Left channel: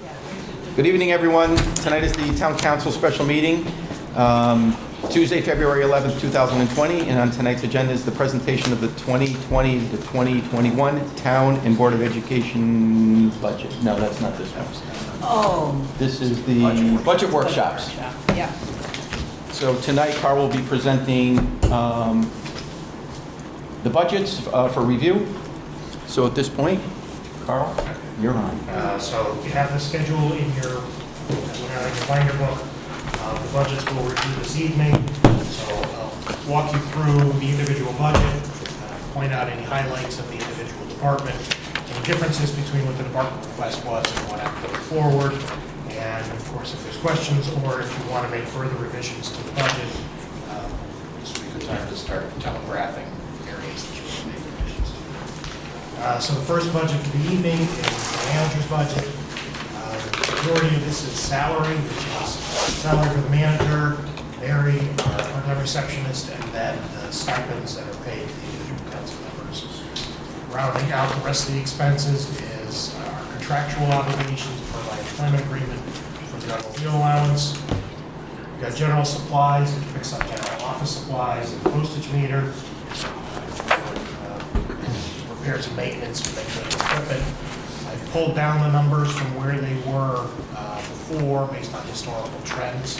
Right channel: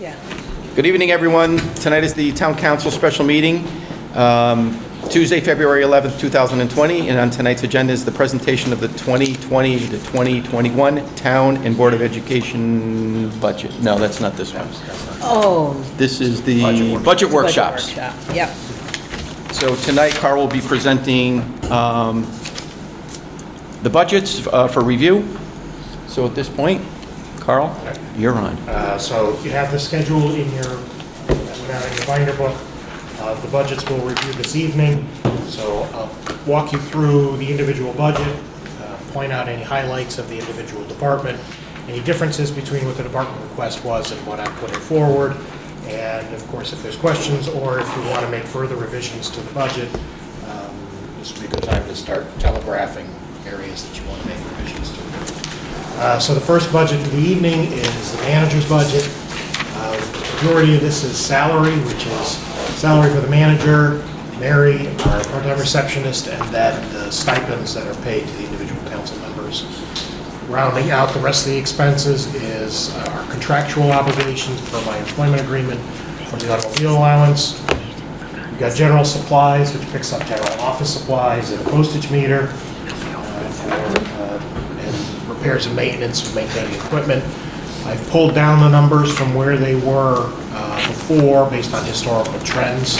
Yeah. Good evening, everyone. Tonight is the Town Council special meeting, Tuesday, February 11th, 2020, and on tonight's agenda is the presentation of the 2020 to 2021 Town and Board of Education budget. No, that's not this one. Oh. This is the budget workshops. Workshop. Yep. So tonight, Carl will be presenting the budgets for review. So at this point, Carl, you're on. So you have the schedule in your binder book. The budgets we'll review this evening. So I'll walk you through the individual budget, point out any highlights of the individual department, any differences between what the department request was and what I'm putting forward. And of course, if there's questions or if you want to make further revisions to the budget, this would be a good time to start telegraphing areas that you want to make revisions to. So the first budget for the evening is the manager's budget. The majority of this is salary, which is salary for the manager, Mary, our part-time receptionist, and then the stipends that are paid to the individual council members. Rounding out the rest of the expenses is our contractual obligations per my employment agreement for the automobile allowance. We've got general supplies, which picks up general office supplies and a postage meter and repairs and maintenance for maintaining equipment. I've pulled down the numbers from where they were before based on historical trends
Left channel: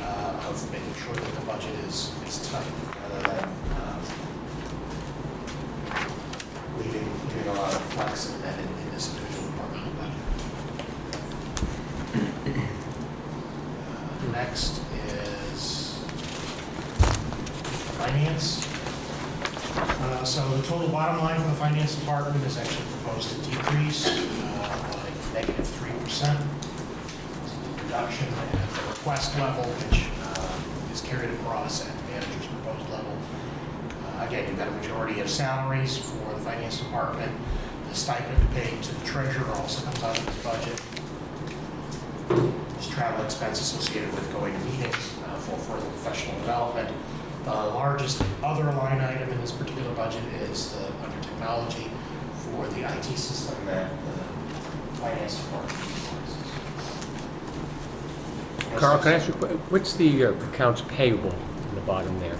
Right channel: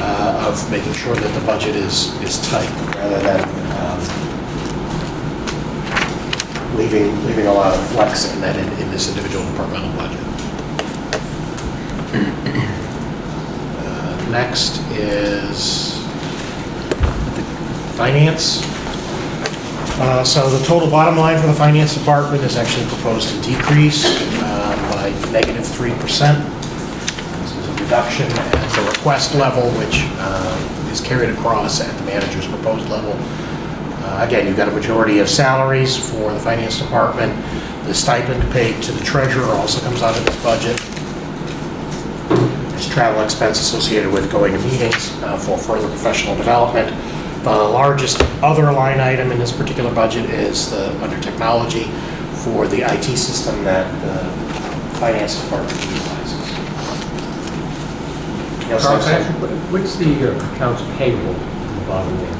of making sure that the budget is tight rather than leaving a lot of flex in that in this individual departmental budget. Next is finance. So the total bottom line for the finance department is actually proposed to decrease by -3%. This is a reduction at the request level, which is carried across at the manager's proposed level. Again, you've got a majority of salaries for the finance department. The stipend paid to the treasurer also comes out of this budget. There's travel expense associated with going to meetings for further professional development. The largest other line item in this particular budget is under technology for the IT system that the finance department utilizes. Yes, Carl, sir? what's the accounts payable at the bottom there?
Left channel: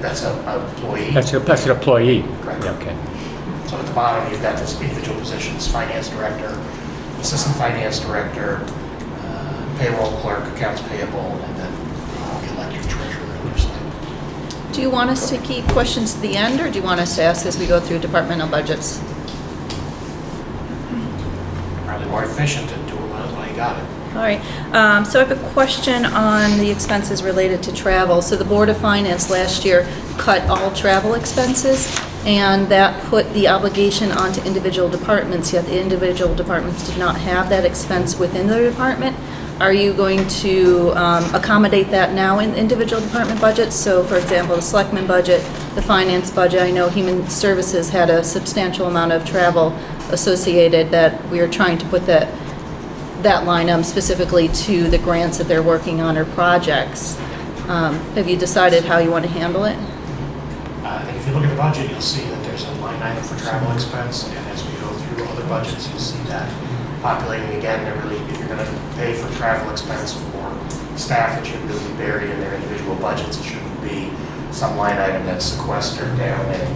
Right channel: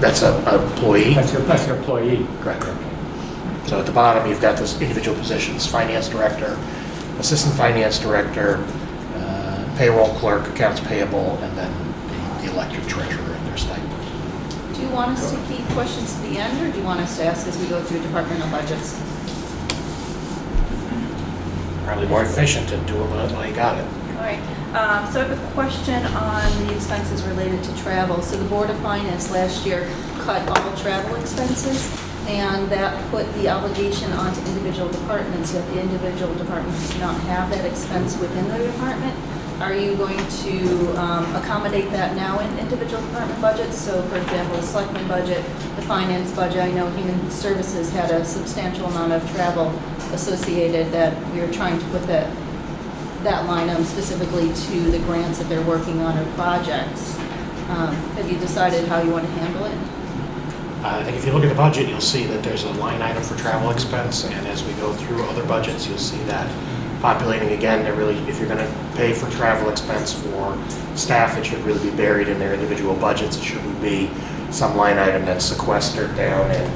That's an employee. That's an employee? Correct. Okay. So at the bottom, you've got this individual positions: finance director, assistant finance director, payroll clerk, accounts payable, and then the elected treasurer and their stipends. Do you want us to keep questions to the end, or do you want us to ask as we go through departmental budgets? Probably more efficient to do it when you got it. All right. So I have a question on the expenses related to travel. So the Board of Finance last year cut all travel expenses, and that put the obligation onto individual departments, yet the individual departments did not have that expense within the department. Are you going to accommodate that now in individual department budgets? So for example, the selectmen budget, the finance budget, I know human services had a substantial amount of travel associated that we are trying to put that line up specifically to the grants that they're working on or projects. Have you decided how you want to handle it? I think if you look at the budget, you'll see that there's a line item for travel expense, and as we go through other budgets, you'll see that populating again. If you're going to pay for travel expense for staff, it should really be buried in their individual budgets. It shouldn't be some line item that's sequestered down in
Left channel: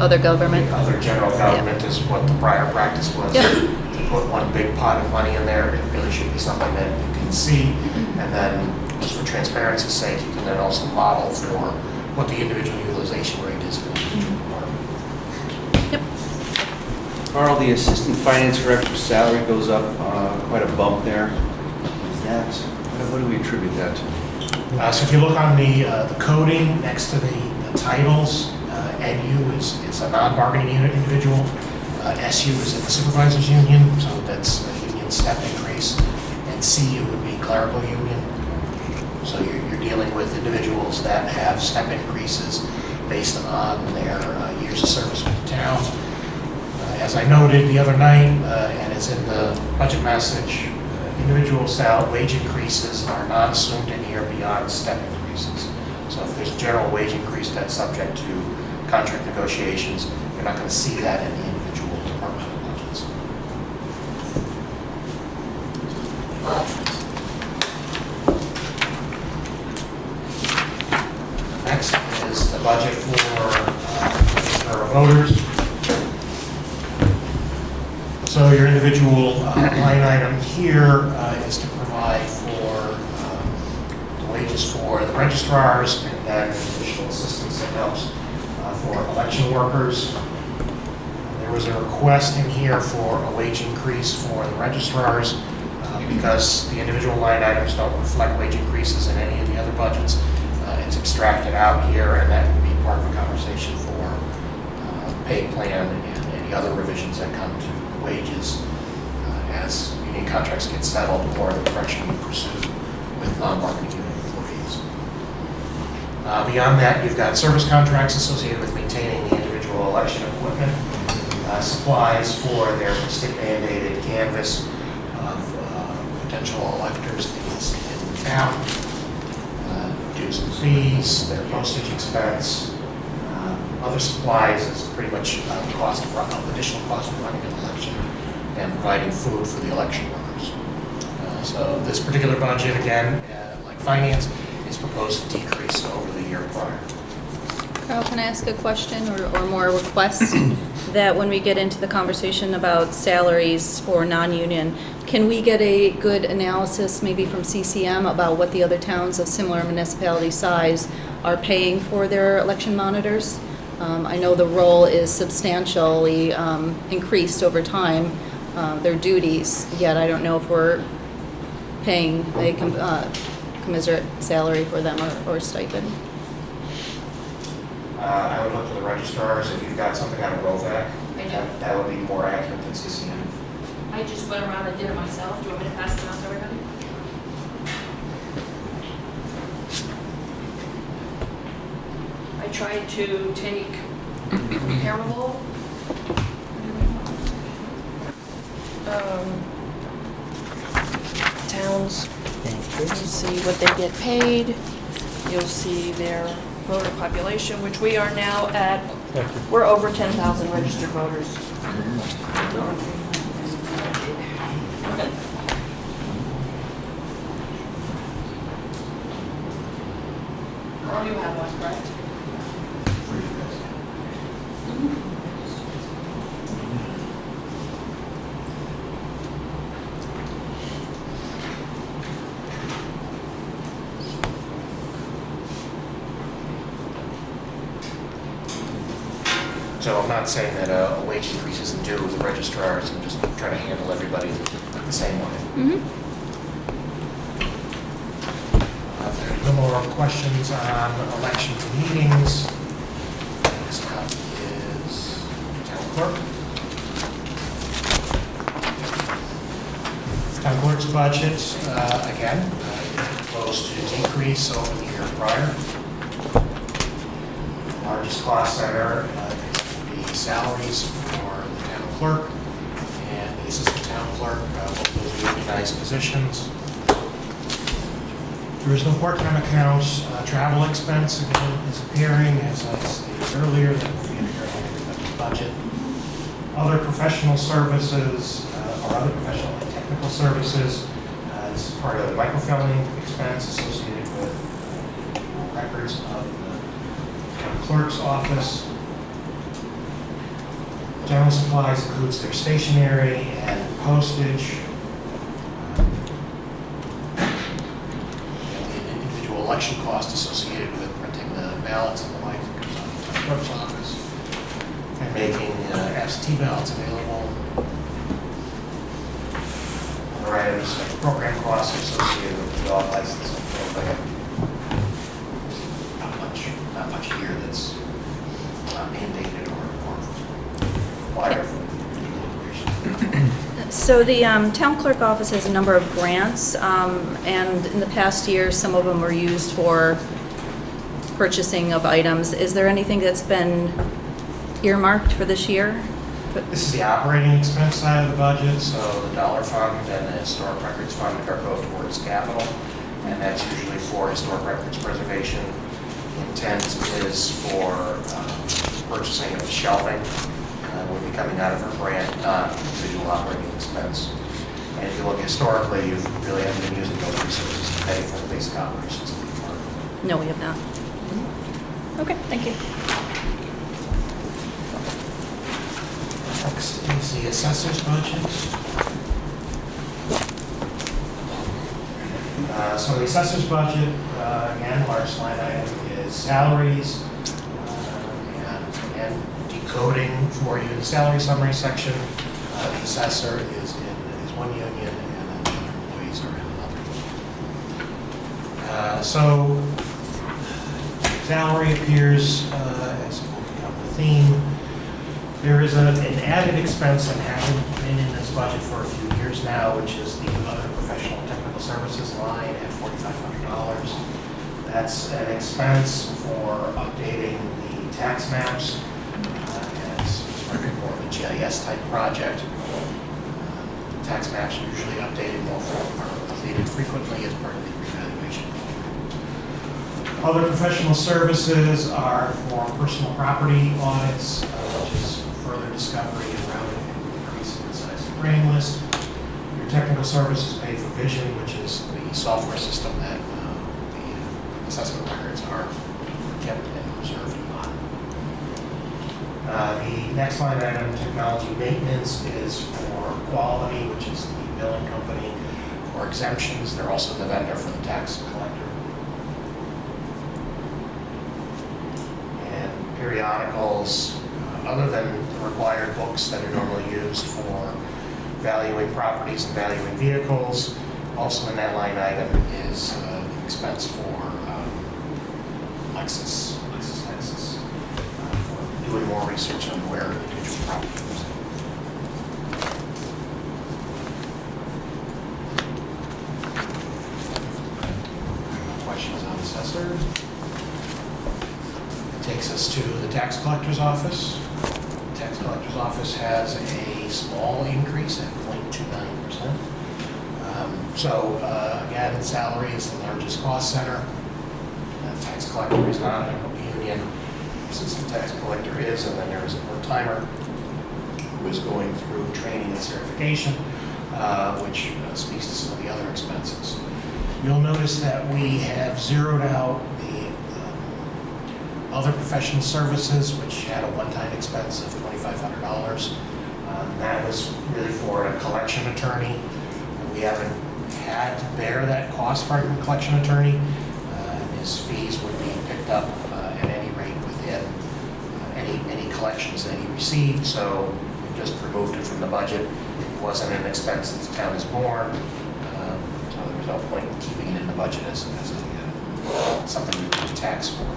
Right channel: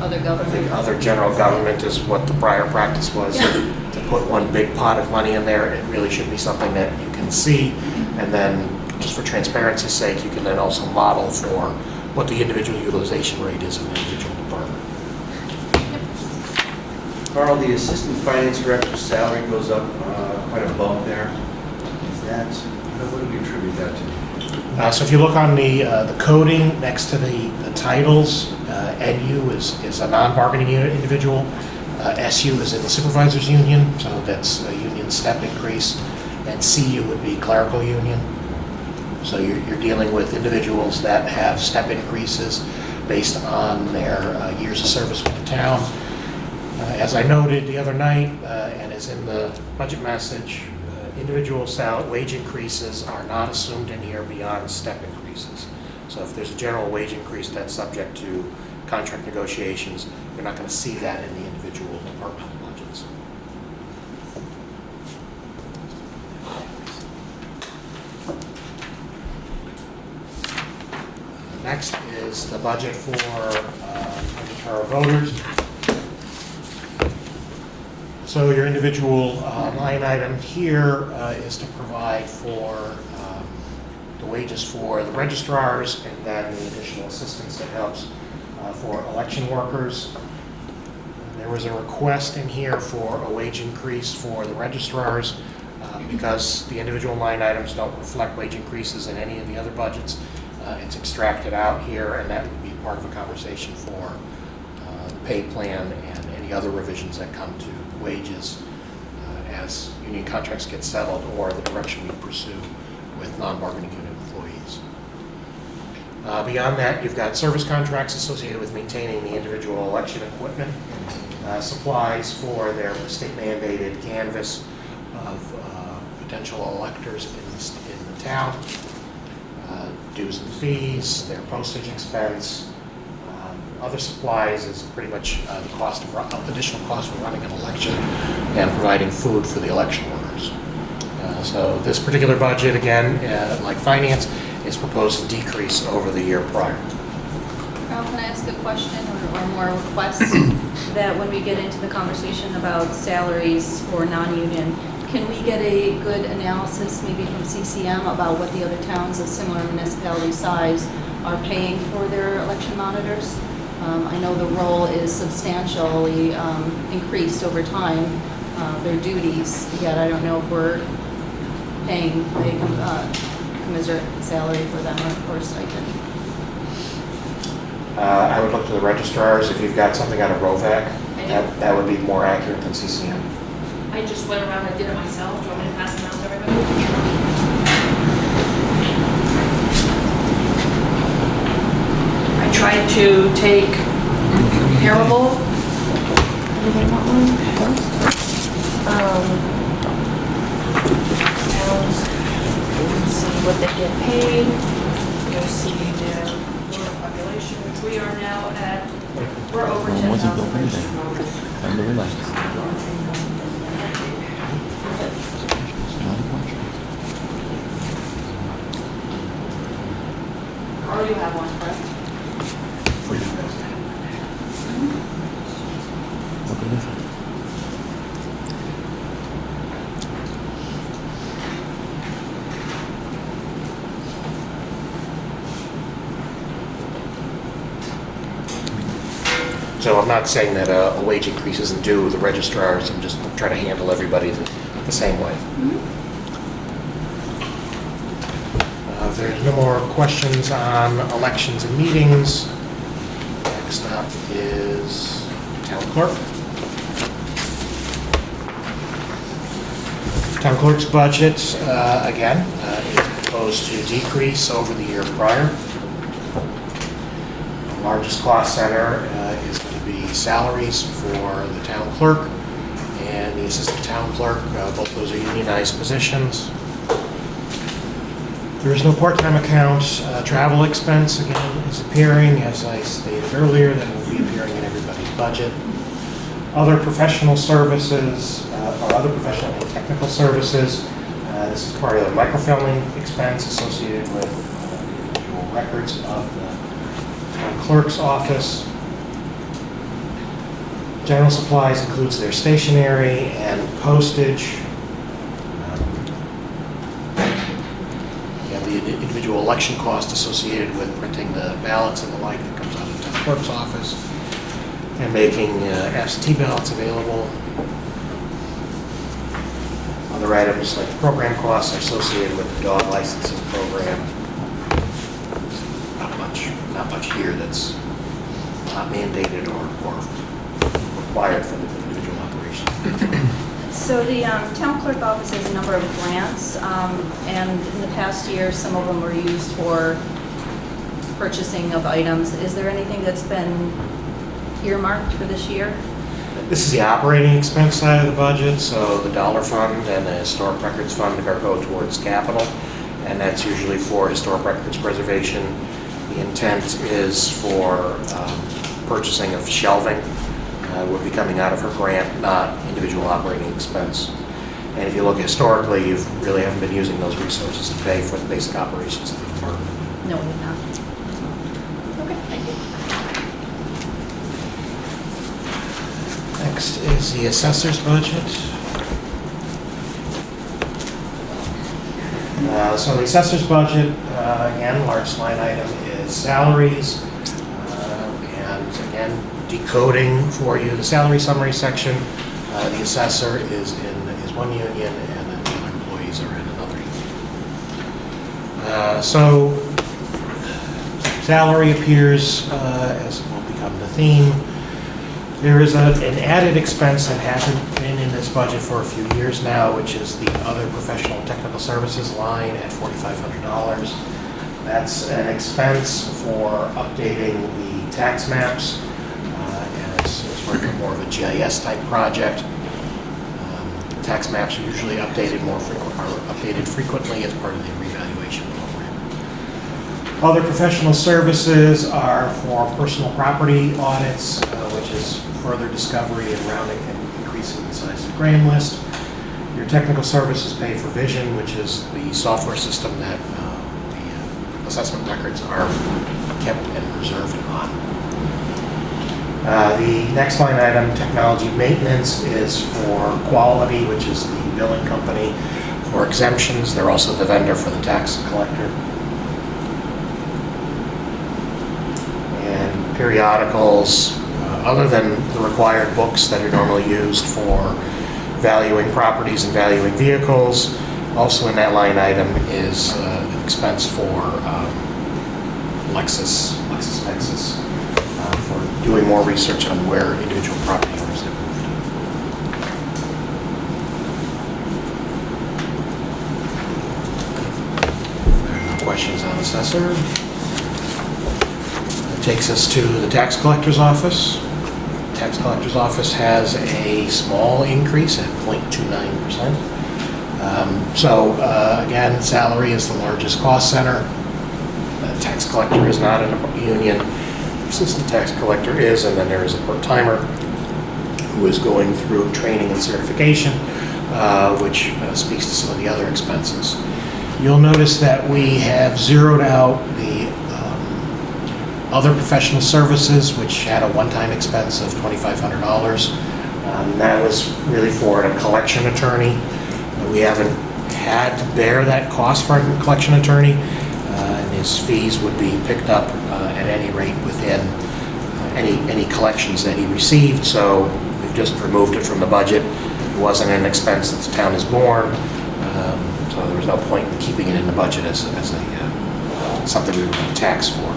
Other government? the other general government is what the prior practice was. Yeah. To put one big pot of money in there, it really should be something that you can see, and then just for transparency's sake, you can then also model for what the individual utilization rate is for the individual department. Yep. Carl, the assistant finance director's salary goes up quite a bump there. Is that, what do we attribute that to? So if you look on the coding next to the titles, NU is a non-bargaining unit individual. SU is in the supervisors union, so that's a union step increase. And CU would be clerical union. So you're dealing with individuals that have step increases based on their years of service with the town. As I noted the other night, and it's in the budget message, individual wage increases are not assumed in here beyond step increases. So if there's a general wage increase that's subject to contract negotiations, you're not going to see that in the individual departmental budgets. budget for our voters. So your individual line item here is to provide for the wages for the registrars and then additional assistance and helps for election workers. There was a request in here for a wage increase for the registrars because the individual line items don't reflect wage increases in any of the other budgets. It's extracted out here, and that would be part of a conversation for pay plan and any other revisions that come to wages as union contracts get settled or the direction we pursue with non-bargaining unit employees. Beyond that, you've got service contracts associated with maintaining the individual election equipment, supplies for their state-mandated canvass of potential electors in town, dues and fees, their postage expense. Other supplies is pretty much the cost of additional cost of running an election and providing food for the election workers. So this particular budget, again, like finance, is proposed to decrease over the year prior. Carl, can I ask a question or more requests that when we get into the conversation about salaries for non-union, can we get a good analysis maybe from CCM about what the other towns of similar municipality size are paying for their election monitors? I know the role is substantially increased over time, their duties, yet I don't know if we're paying a commensurate salary for them or stipend. I would look to the registrars. If you've got something out of ROVAC, that would be more accurate than CCM. I just went around and did it myself. Do you want me to pass them out to everybody? I tried to take comparable. Everybody want one? Towns, you'll see what they get paid. You'll see their voter population, which we are now at. We're over 10,000 registered voters. Carl, you have one, correct? So I'm not saying that a wage increase isn't due the registrars. I'm just trying to handle everybody the same way. If there's no more questions on elections and meetings, next up is town clerk. Town clerk's budget, again, is proposed to decrease over the year prior. The largest cost center is going to be salaries for the town clerk and the assistant town clerk. Both those are unionized positions. There is no part-time account. Travel expense, again, is appearing, as I stated earlier, that will be appearing in everybody's budget. Other professional services, or other professional and technical services, this is part of the microfilming expense associated with individual records of the town clerk's office. General supplies includes their stationery and postage. Individual election cost associated with printing the ballots and the like that comes out of the town clerk's office and making absentee ballots available. Other items like program costs are associated with the dog licensing program. Not much here that's not mandated or required for the individual operations. So the town clerk office has a number of grants, and in the past year, some of them were used for purchasing of items. Is there anything that's been earmarked for this year? This is the operating expense side of the budget, so the dollar fund and the historic records fund are go towards capital, and that's usually for historic records preservation. The intent is for purchasing of shelving. Would be coming out of her grant, not individual operating expense. And if you look historically, you really haven't been using those resources to pay for the basic operations of the clerk. No, we have not. Okay, thank you. Next is the assessor's budget. So the assessor's budget, again, largest line item is salaries. And again, decoding for you the salary summary section. The assessor is one union and then the other employees are in another union. So salary appears as will become the theme. There is an added expense that hasn't been in this budget for a few years now, which is the other professional technical services line at $4,500. That's an expense for updating the tax maps, and it's more of a GIS type project. Tax maps are usually updated updated frequently as part of the revaluation program. Other professional services are for personal property audits, which is further discovery and rounding and increasing the size of the grand list. Your technical services pay for Vision, which is the software system that the assessment records are kept and preserved on. The next line item, technology maintenance, is for Quality, which is the billing company for exemptions. They're also the vendor for the tax collector. And periodicals, other than the required books that are normally used for valuing properties and valuing vehicles, also in that line item is an expense for LexisNexis. For doing more research on where individual property owners have moved. Questions on assessor? That takes us to the tax collector's office. The tax collector's office has a small increase at 0.29%. Again, salary is the largest cost center. The tax collector is not in a union. Assistant tax collector is, and then there is a part-timer who is going through training and certification, which speaks to some of the other expenses. You'll notice that we have zeroed out the other professional services, which had a one-time expense of $2,500. That was really for a collection attorney. We haven't had to bear that cost for a collection attorney, and his fees would be picked up at any rate within any collections that he received, so we've just removed it from the budget. It wasn't an expense that the town has borne, so there was no point in keeping it in the budget as something we were going to tax for.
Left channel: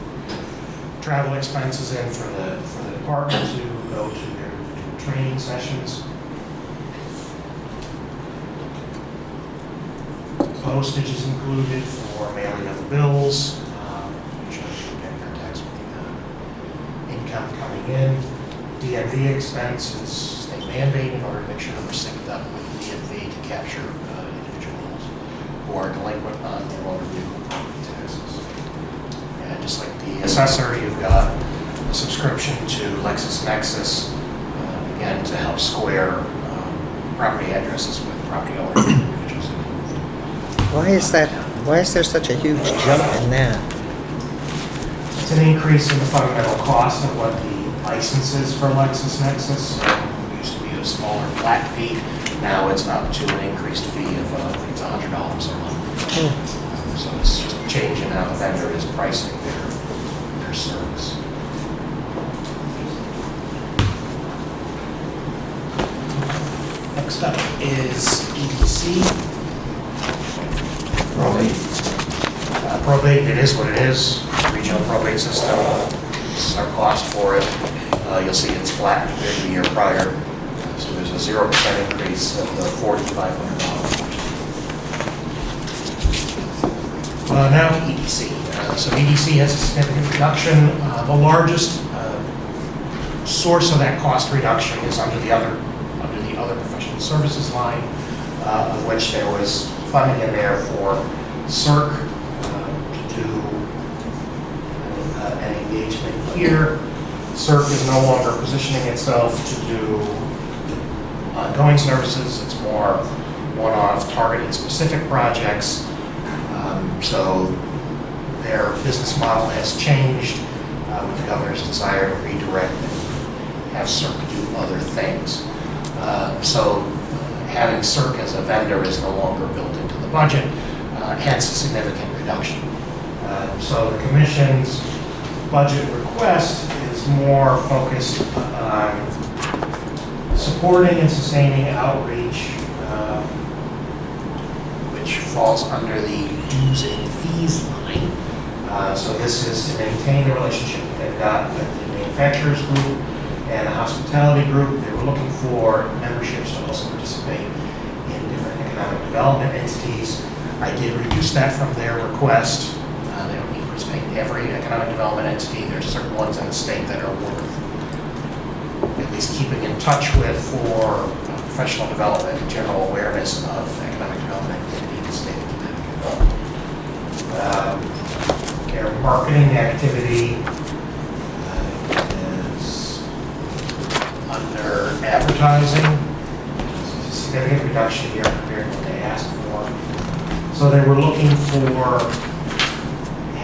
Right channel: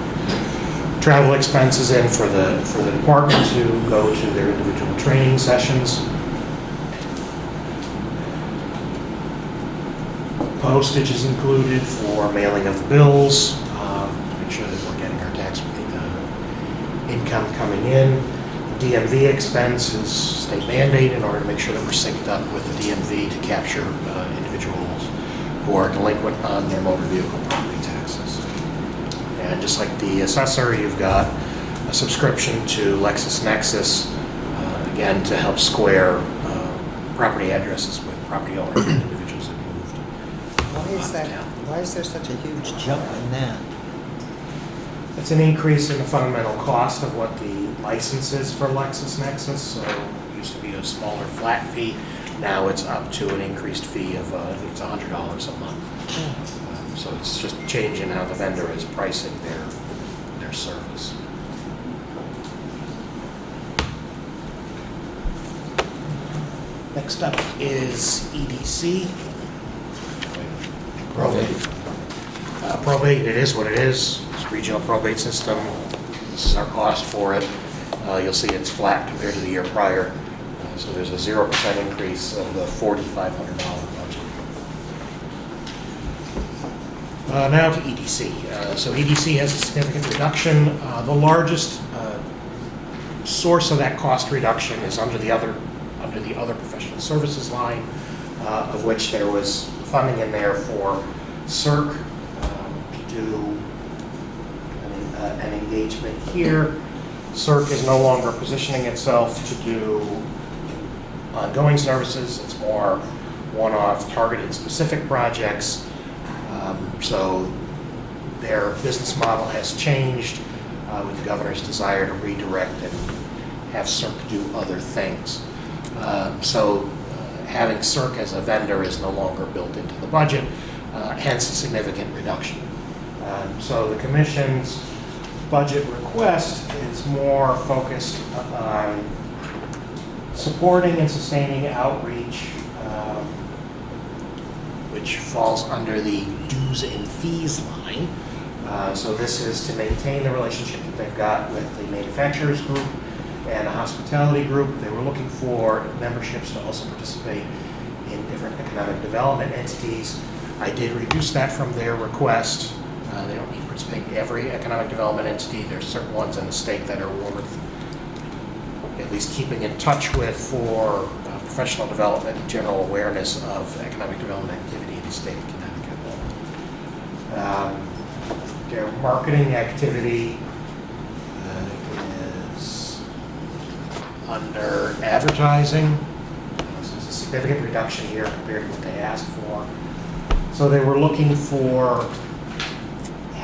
Travel expenses in for the department to go to their individual training sessions. Postage is included for mailing of bills, make sure that we're getting our tax income coming in. DMV expense is state mandate in order to make sure that we're synced up with the DMV to capture individuals who are delinquent on their motor vehicle property taxes. And just like the assessor, you've got a subscription to LexisNexis, again, to help square property addresses with property owners and individuals that moved. Why is there such a huge jump in that? It's an increase in the fundamental cost of what the license is for LexisNexis. It used to be a smaller flat fee. Now it's up to an increased fee of, I think it's $100 a month. So it's just changing how the vendor is pricing their service. Next up is EDC. Probate, it is what it is. Regional probate system. This is our cost for it. You'll see it's flat compared to the year prior. So there's a 0% increase of the $4,500 budget. Now to EDC. So EDC has a significant reduction. The largest source of that cost reduction is under the other professional services line, of which there was funding in there for CERC to do an engagement here. CERC is no longer positioning itself to do ongoing services. It's more one-off targeted specific projects. So their business model has changed. with the governor's desire to redirect and have CERC do other things. So having CERC as a vendor is no longer built into the budget, hence a significant reduction. So the commission's budget request is more focused on supporting and sustaining outreach, which falls under the dues and fees line. So this is to maintain the relationship that they've got with the manufacturers group and the hospitality group. They were looking for memberships to also participate in different economic development entities. I did reduce that from their request. They don't need to participate in every economic development entity. There's certain ones in the state that are worth at least keeping in touch with for professional development, general awareness of economic development activity in the state of Connecticut. Their marketing activity is under advertising. There's a significant reduction here compared to what they asked for. So they were looking for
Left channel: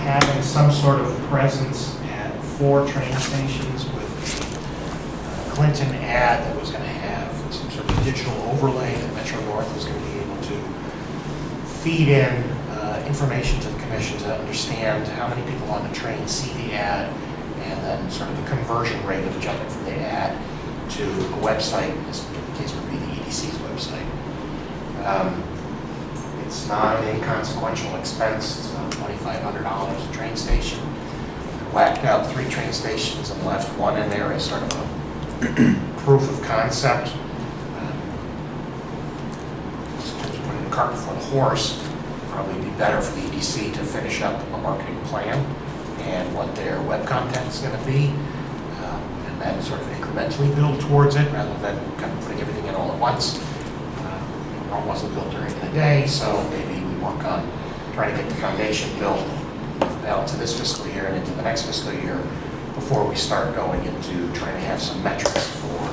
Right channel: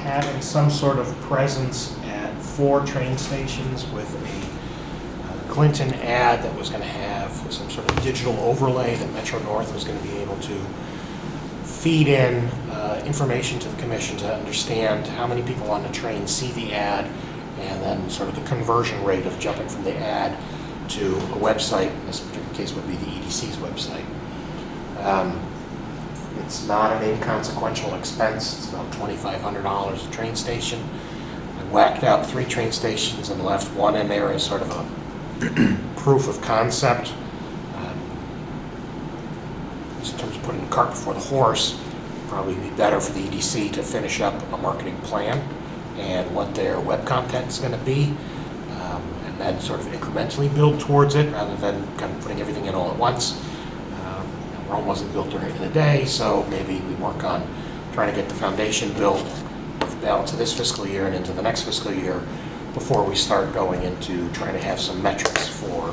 having some sort of presence at 4 train stations with a Clinton ad that was going to have some sort of digital overlay that Metro North was going to be able to feed in information to the commission to understand how many people on the train see the ad, and then sort of the conversion rate of jumping from the ad to a website. In this particular case would be the EDC's website. It's not an inconsequential expense. It's about $2,500 a train station. I whacked out 3 train stations and left 1 in there as sort of a proof of concept. In terms of putting the cart before the horse, probably be better for the EDC to finish up a marketing plan and what their web content is going to be, and then sort of incrementally build towards it rather than kind of putting everything in all at once. Rome wasn't built during the day, so maybe we work on trying to get the foundation built for the balance of this fiscal year and into the next fiscal year before we start going into trying to have some metrics for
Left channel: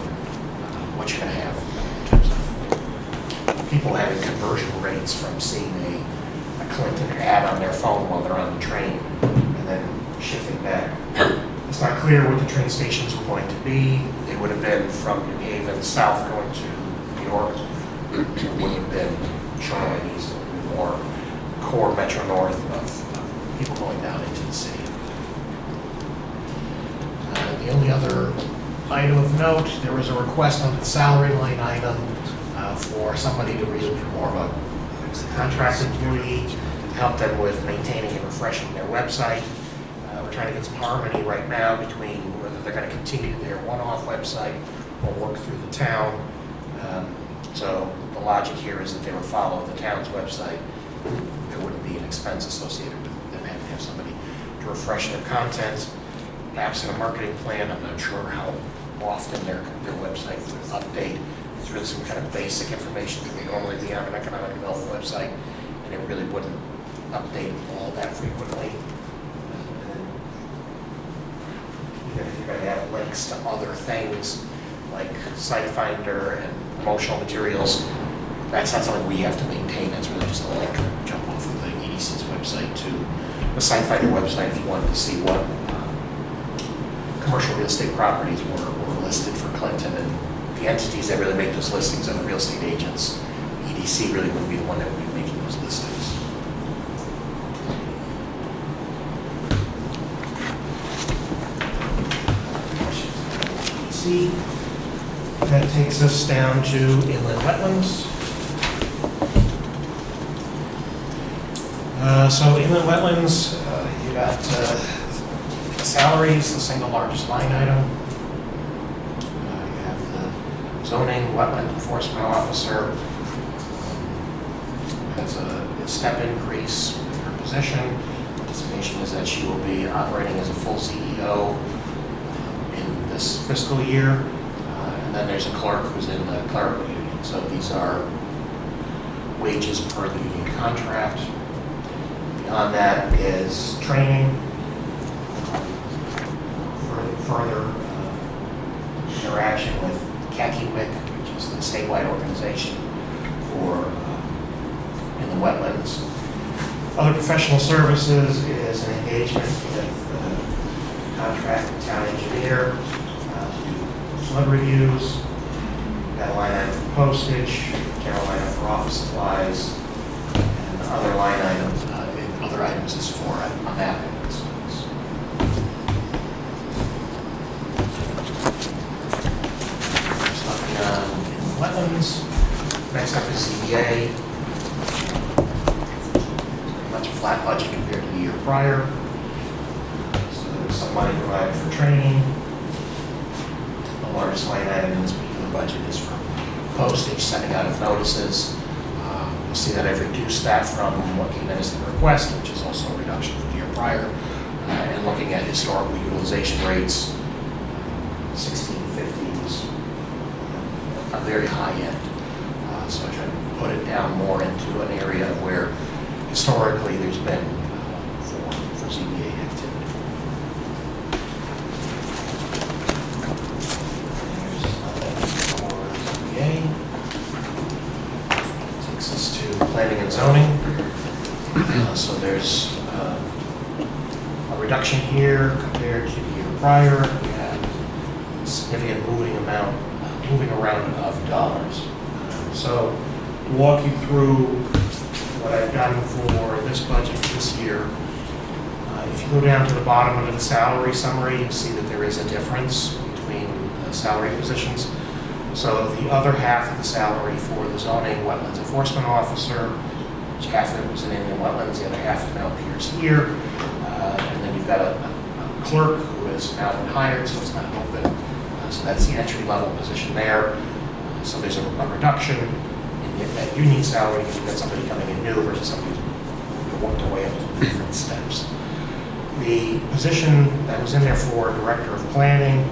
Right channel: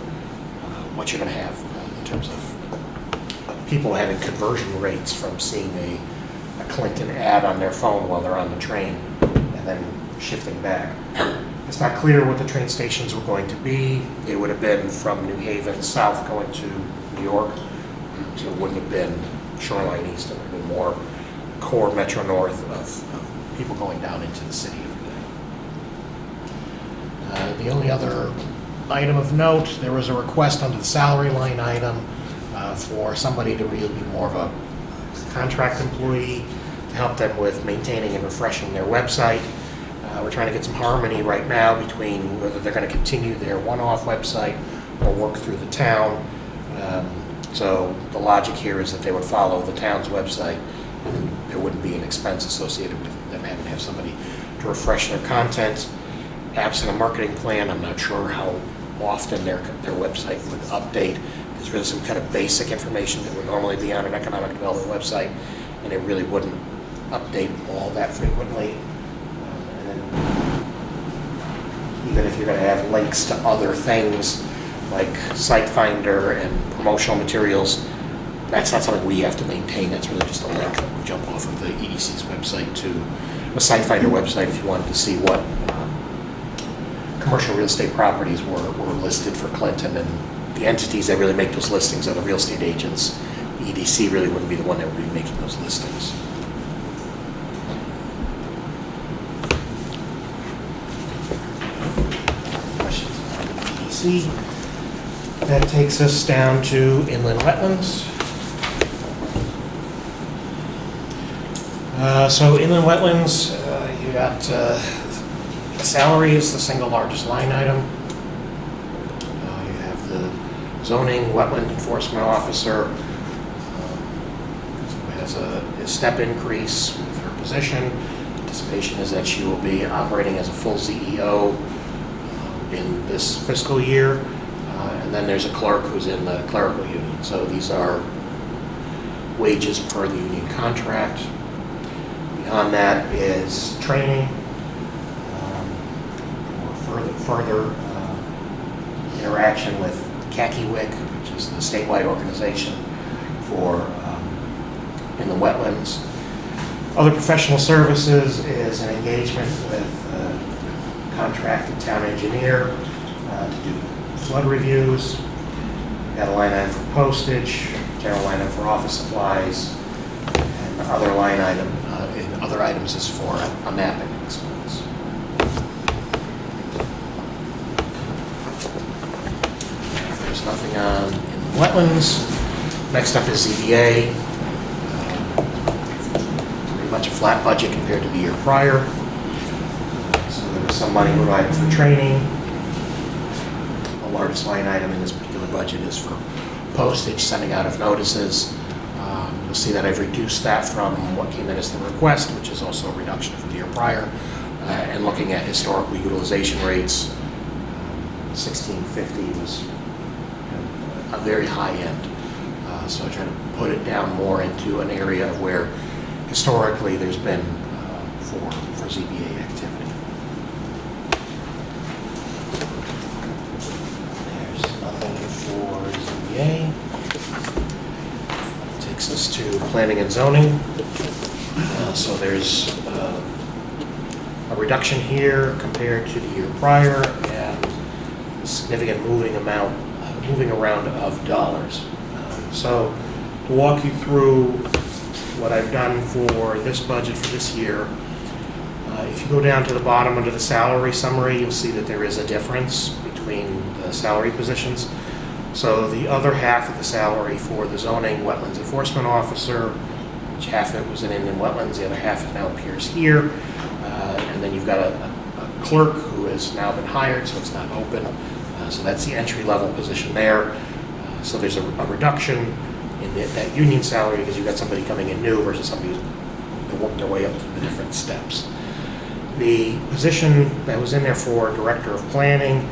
what you're going to have in terms of people having conversion rates from seeing a Clinton ad on their phone while they're on the train and then shifting back. It's not clear what the train stations were going to be. It would have been from New Haven south going to New York. It wouldn't have been Shoreline East. It would have been more core Metro North of people going down into the city. The only other item of note, there was a request under the salary line item for somebody to really be more of a contract employee to help them with maintaining and refreshing their website. We're trying to get some harmony right now between whether they're going to continue their one-off website or work through the town. So the logic here is that they would follow the town's website, and there wouldn't be an expense associated with them having to have somebody to refresh their content. Absent a marketing plan, I'm not sure how often their website would update. There's really some kind of basic information that would normally be on an economic development website, and it really wouldn't update all that frequently. And even if you're going to have links to other things like SiteFinder and promotional materials, that's not something we have to maintain. That's really just a link that would jump off of the EDC's website to a SiteFinder website if you wanted to see what commercial real estate properties were listed for Clinton, and the entities that really make those listings are the real estate agents. The EDC really wouldn't be the one that would be making those listings. Questions on EDC? That takes us down to inland wetlands. So inland wetlands, you got salaries, the single largest line item. You have the zoning wetland enforcement officer has a step increase with her position. Anticipation is that she will be operating as a full CEO in this fiscal year. And then there's a clerk who's in the clerical union. So these are wages per the union contract. Beyond that is training, further interaction with CACIWIC, which is the statewide organization for in the wetlands. Other professional services is an engagement with contracted town engineer to do flood reviews. Got a line item for postage, general line item for office supplies, and other line items, other items is for a mapping expense. There's nothing on in wetlands. Next up is ZBA. Pretty much a flat budget compared to the year prior. So there's some money provided for training. The largest line item in this particular budget is for postage, sending out of notices. You'll see that I've reduced that from what came in as the request, which is also a reduction from the year prior. And looking at historical utilization rates, 1650 was a very high end. So I try to put it down more into an area of where historically there's been for ZBA activity. There's nothing for ZBA. Takes us to planning and zoning. So there's a reduction here compared to the year prior and significant moving around of dollars. So to walk you through what I've done for this budget for this year, if you go down to the bottom under the salary summary, you'll see that there is a difference between the salary positions. So the other half of the salary for the zoning wetlands enforcement officer, which half of it was in inland wetlands, the other half now appears here. And then you've got a clerk who has now been hired, so it's not open. So that's the entry level position there. So there's a reduction in that union salary because you've got somebody coming in new versus somebody who's worked their way up to the different steps. The position that was in there for director of planning,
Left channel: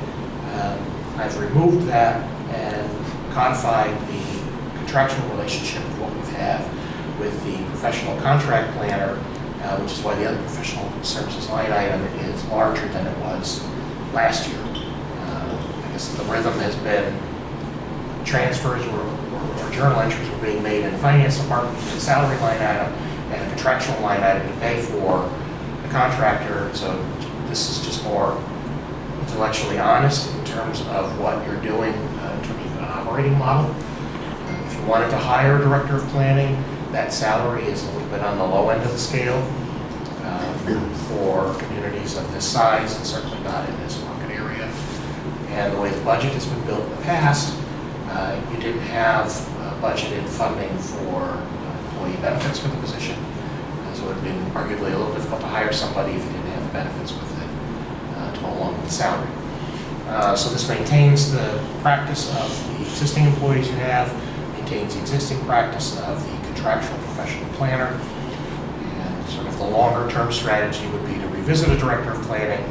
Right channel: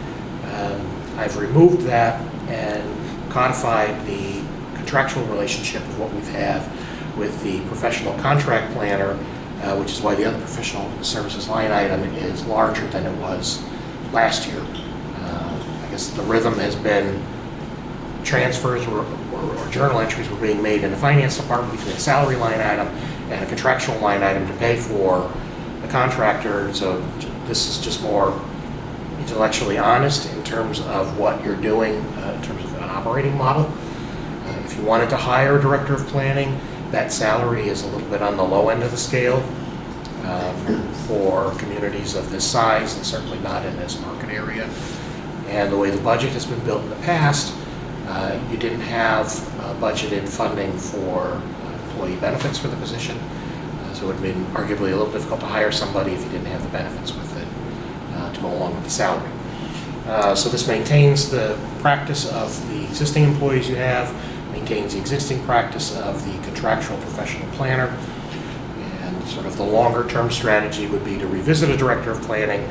I've removed that and codified the contractual relationship of what we've had with the professional contract planner, which is why the other professional services line item is larger than it was last year. I guess the rhythm has been transfers or journal entries were being made in the finance department between the salary line item and a contractual line item to pay for the contractor. So this is just more intellectually honest in terms of what you're doing in terms of an operating model. If you wanted to hire a director of planning, that salary is a little bit on the low end of the scale for communities of this size and certainly not in this market area. And the way the budget has been built in the past, you didn't have budgeted funding for employee benefits for the position. So it would have been arguably a little difficult to hire somebody if you didn't have the benefits with it to go along with the salary. So this maintains the practice of the existing employees you have, maintains the existing practice of the contractual professional planner, and sort of the longer term strategy would be to revisit a director of planning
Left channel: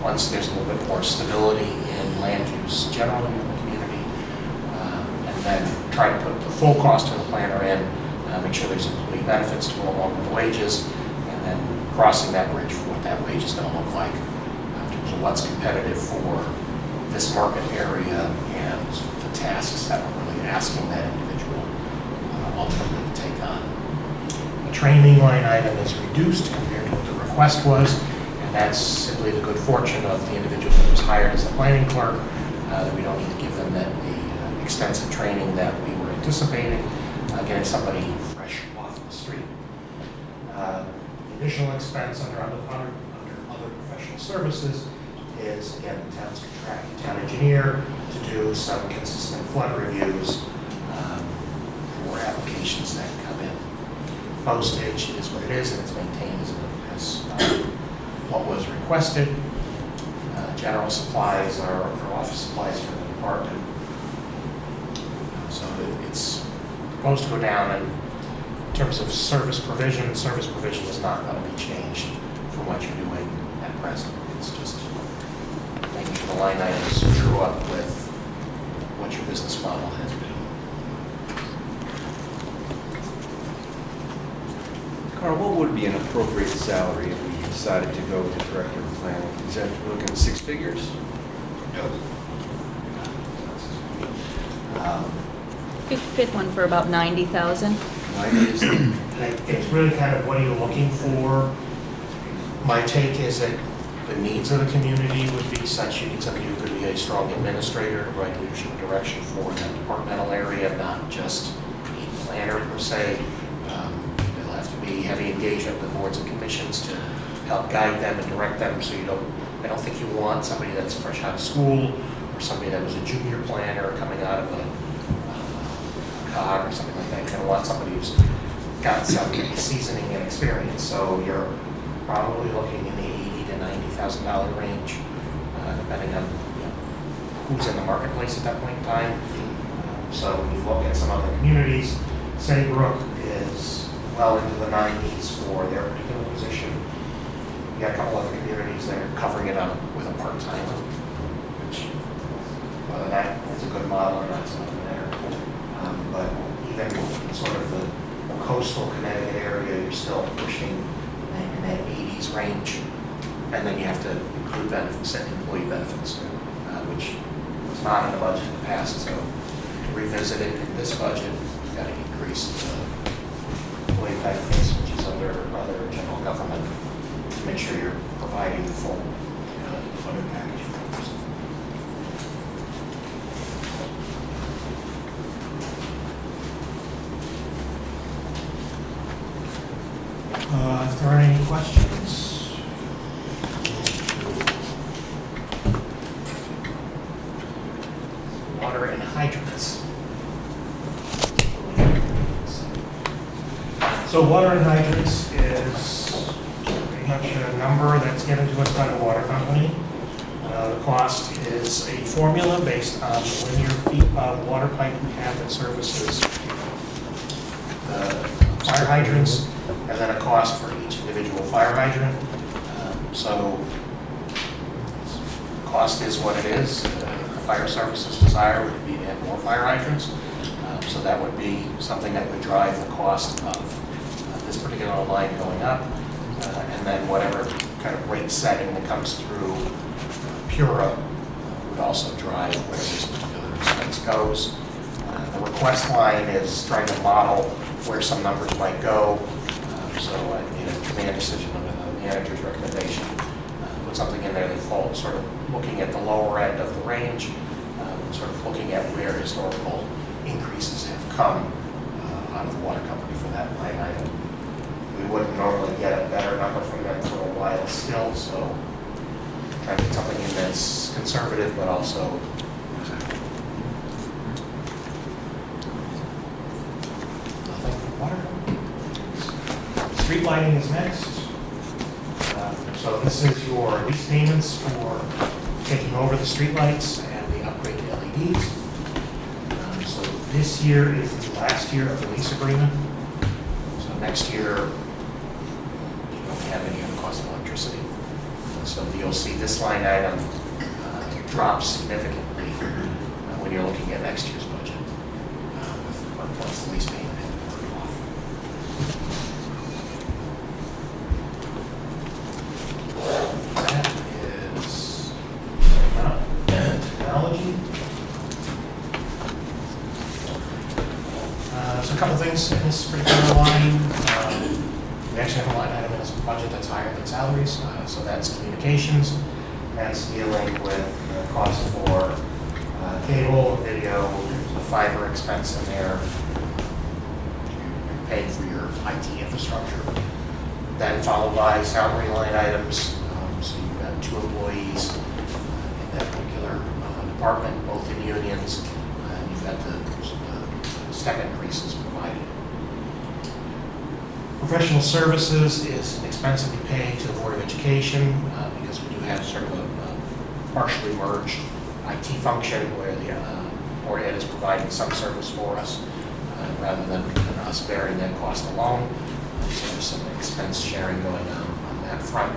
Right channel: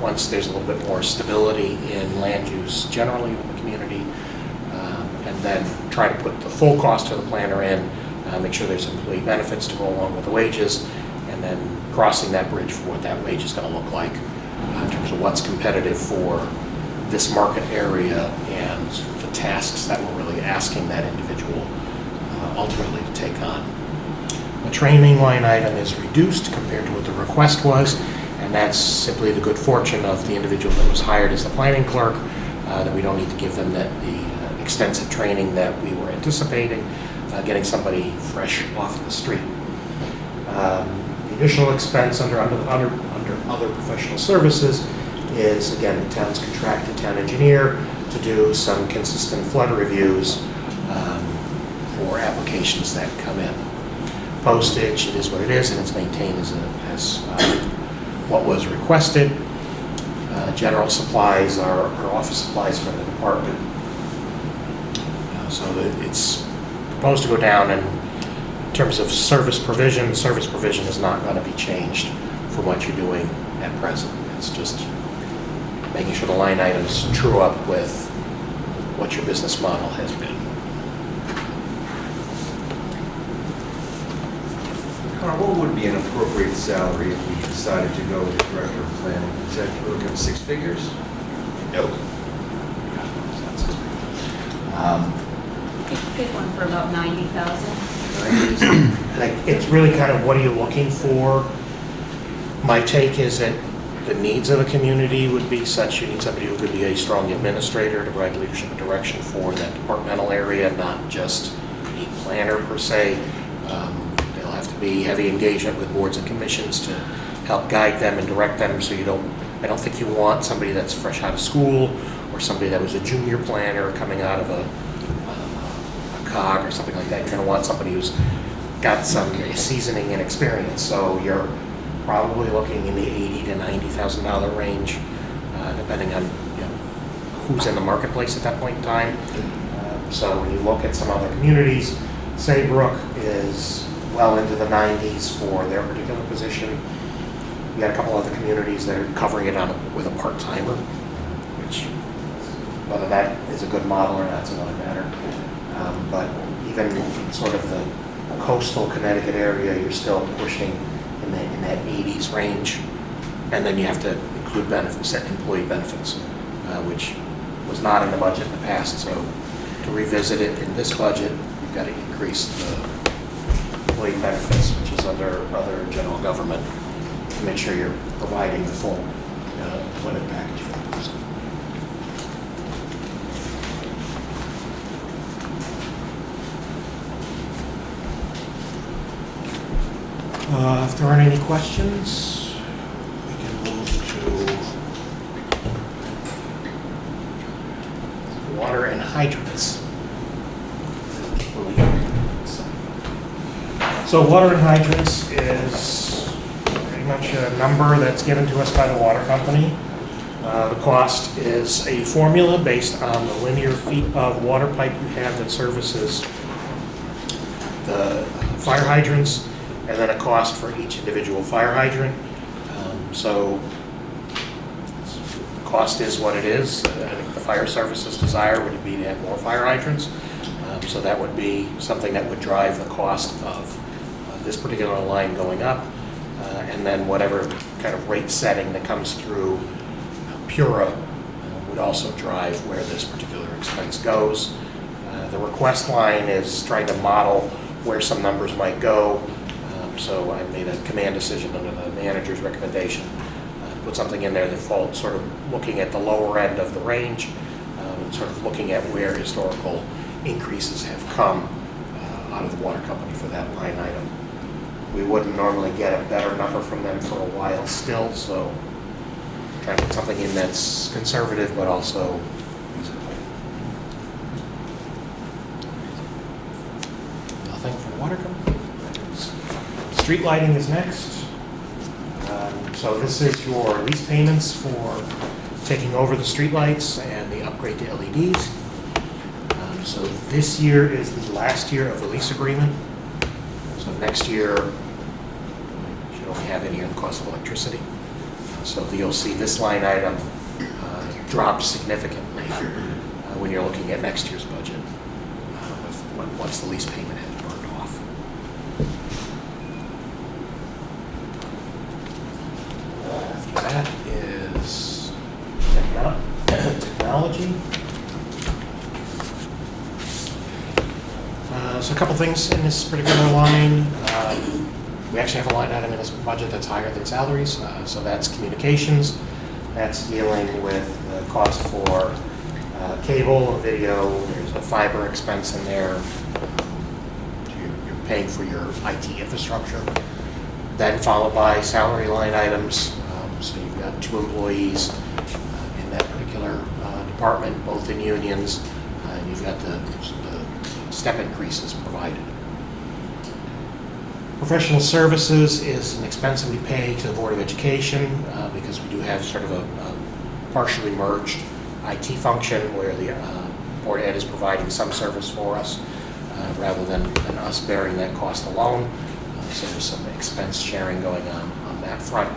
once there's a little bit more stability in land use generally in the community, and then try to put the full cost to the planner in, make sure there's employee benefits to go along with the wages, and then crossing that bridge for what that wage is going to look like in terms of what's competitive for this market area and the tasks that we're really asking that individual ultimately to take on. The training line item is reduced compared to what the request was, and that's simply the good fortune of the individual that was hired as the planning clerk, that we don't need to give them the extensive training that we were anticipating, getting somebody fresh off the street. The additional expense under other professional services is, again, the town's contracted town engineer to do some consistent flood reviews for applications that come in. Postage, it is what it is, and it's maintained as what was requested. General supplies are office supplies for the department. So it's proposed to go down, and in terms of service provision is not going to be changed from what you're doing at present. It's just making sure the line items true up with what your business model has been. Carl, what would be an appropriate salary if we decided to go with the director of planning? Is that, we're looking at six figures? No. You could pick one for about 90,000. It's really kind of what are you looking for? My take is that the needs of the community would be such, you need somebody who could be a strong administrator to provide leadership and direction for that departmental area, not just a planner per se. There'll have to be heavy engagement with boards and commissions to help guide them and direct them, so I don't think you want somebody that's fresh out of school or somebody that was a junior planner coming out of a COG or something like that. You're going to want somebody who's got some seasoning and experience. So you're probably looking in the $80,000 to $90,000 range, depending on who's in the marketplace at that point in time. So when you look at some other communities, Saybrook is well into the 90s for their particular position. You got a couple other communities that are covering it with a part-timer, which whether that is a good model or not is another matter. But even sort of the coastal Connecticut area, you're still pushing in that 80s range. And then you have to include benefits, employee benefits, which was not in the budget in the past. So to revisit it in this budget, you've got to increase the employee benefits, which is under other general government, to make sure you're providing the full employment package for that person. If there aren't any questions, we can move to water and hydrants. So water and hydrants is pretty much a number that's given to us by the water company. The cost is a formula based on the linear feet of water pipe we have that services the fire hydrants, and then a cost for each individual fire hydrant. So cost is what it is. The fire service's desire would be to have more fire hydrants. So that would be something that would drive the cost of this particular line going up. And then whatever kind of rate setting that comes through Pura would also drive where this particular expense goes. The request line is trying to model where some numbers might go. So I made a command decision under the manager's recommendation. Put something in there that falls sort of looking at the lower end of the range, sort of looking at where historical increases have come out of the water company for that line item. We wouldn't normally get a better number from them for a while still, so try to put something in that's conservative but also reasonable. Nothing from the water company. Street lighting is next. So this is your lease payments for taking over the street lights and the upgrade to LEDs. So this year is the last year of the lease agreement. So next year, you don't have any of the cost of electricity. So you'll see this line item drop significantly when you're looking at next year's budget once the lease payment has burned off. That is technology. So a couple things in this particular line. We actually have a line item in this budget that's higher than salaries. So that's communications. That's dealing with the cost for cable, video, there's a fiber expense in there. You're paying for your IT infrastructure. Then followed by salary line items. So you've got 2 employees in that particular department, both in unions. You've got the step increases provided. Professional services is an expense that we pay to the Board of Education because we do have sort of a partially merged IT function where the Board of Ed is providing some service for us rather than us bearing that cost alone. So there's some expense sharing going on that front.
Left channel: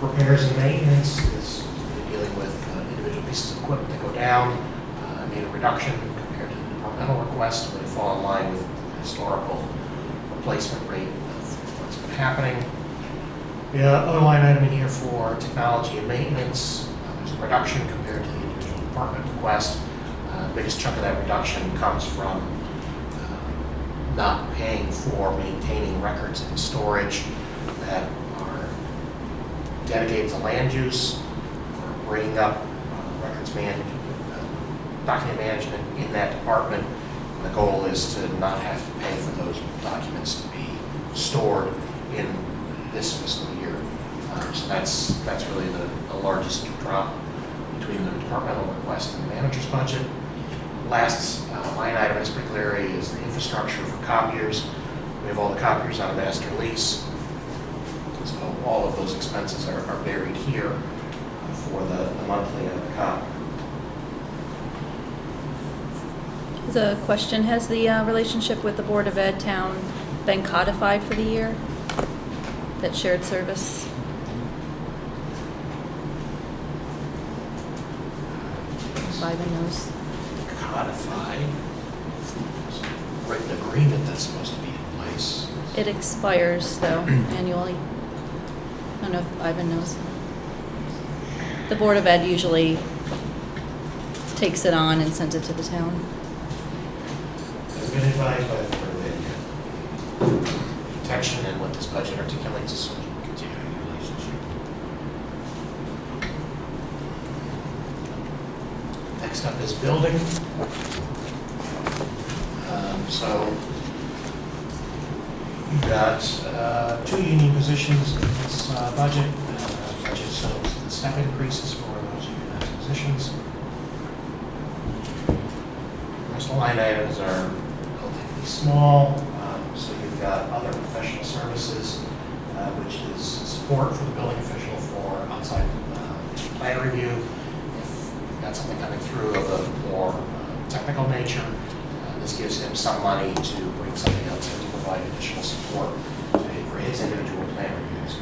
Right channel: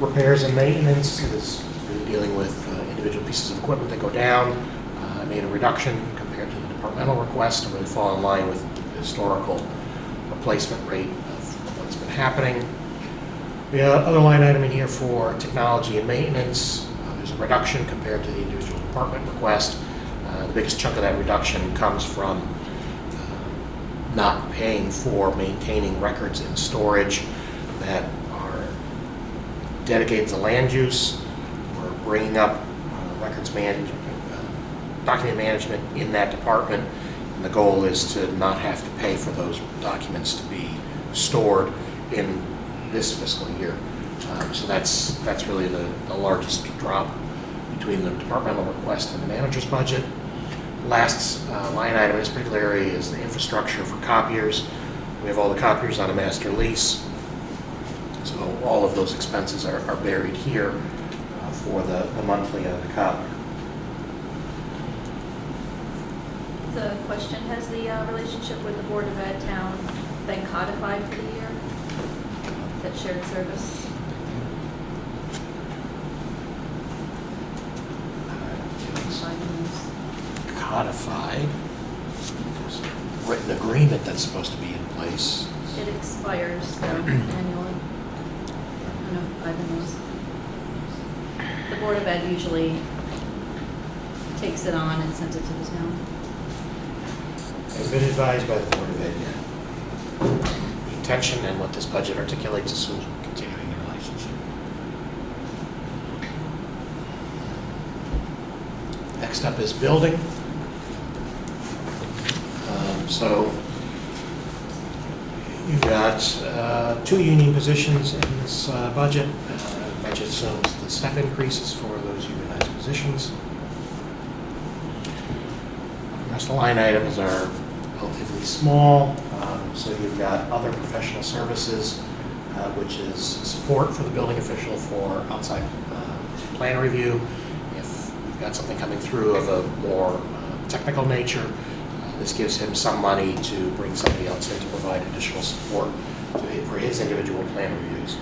Repairs and maintenance is dealing with individual pieces of equipment that go down. I made a reduction compared to the departmental request to really fall in line with the historical replacement rate of what's been happening. We have other line item in here for technology and maintenance. There's a reduction compared to the individual department request. The biggest chunk of that reduction comes from not paying for maintaining records in storage that are dedicated to land use. We're bringing up document management in that department. And the goal is to not have to pay for those documents to be stored in this fiscal year. So that's really the largest drop between the departmental request and the manager's budget. Last line item in this particular area is the infrastructure for copiers. We have all the copiers on a master lease. So all of those expenses are buried here for the monthly copy. The question, has the relationship with the Board of Ed town been codified for the year? That shared service? By the nose. Codified. There's a written agreement that's supposed to be in place. It expires though annually. I don't know if Ivan knows. The Board of Ed usually takes it on and sends it to the town. Has been advised by the Board of Ed yet. The intention and what this budget articulates is sort of continuing the relationship. Next up is building. So you've got 2 union positions in this budget. Budget shows the step increases for those unionized positions. The rest of the line items are relatively small. So you've got other professional services, which is support for the building official for outside plan review. If we've got something coming through of a more technical nature, this gives him some money to bring somebody else in to provide additional support for his individual plan reviews.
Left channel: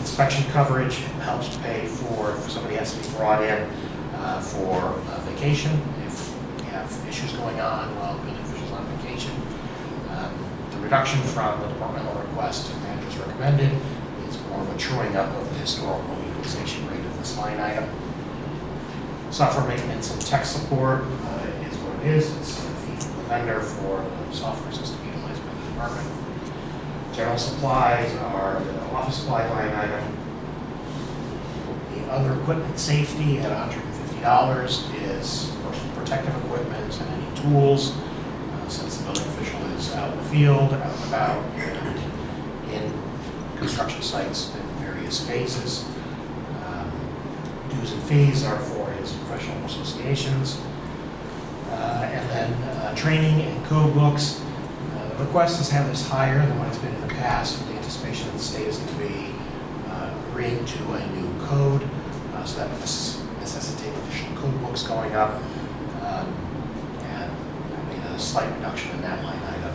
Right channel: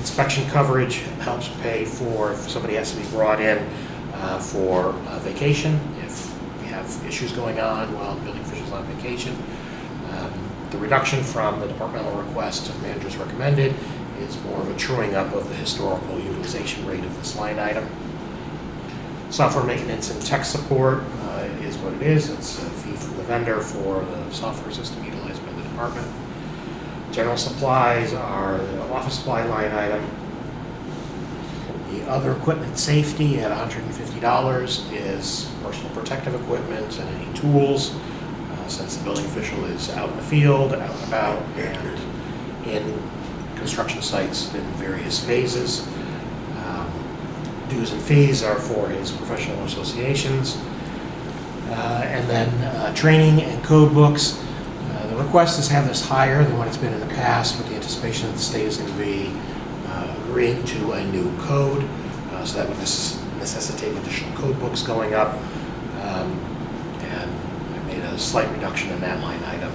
Inspection coverage helps to pay for if somebody has to be brought in for vacation, if we have issues going on while the building official's on vacation. The reduction from the departmental request to the manager's recommended is more of a truing up of the historical utilization rate of this line item. Software maintenance and tech support is what it is. It's a fee from the vendor for the software system utilized by the department. General supplies are the office supply line item. The other equipment safety at $150 is personal protective equipment and any tools, since the building official is out in the field, out and about, and in construction sites in various phases. Dues and fees are for his professional associations. And then training and code books. The request is to have this higher than what it's been in the past, with the anticipation that the state is going to be agreeing to a new code. So that would necessitate additional code books going up. And I made a slight reduction in that line item.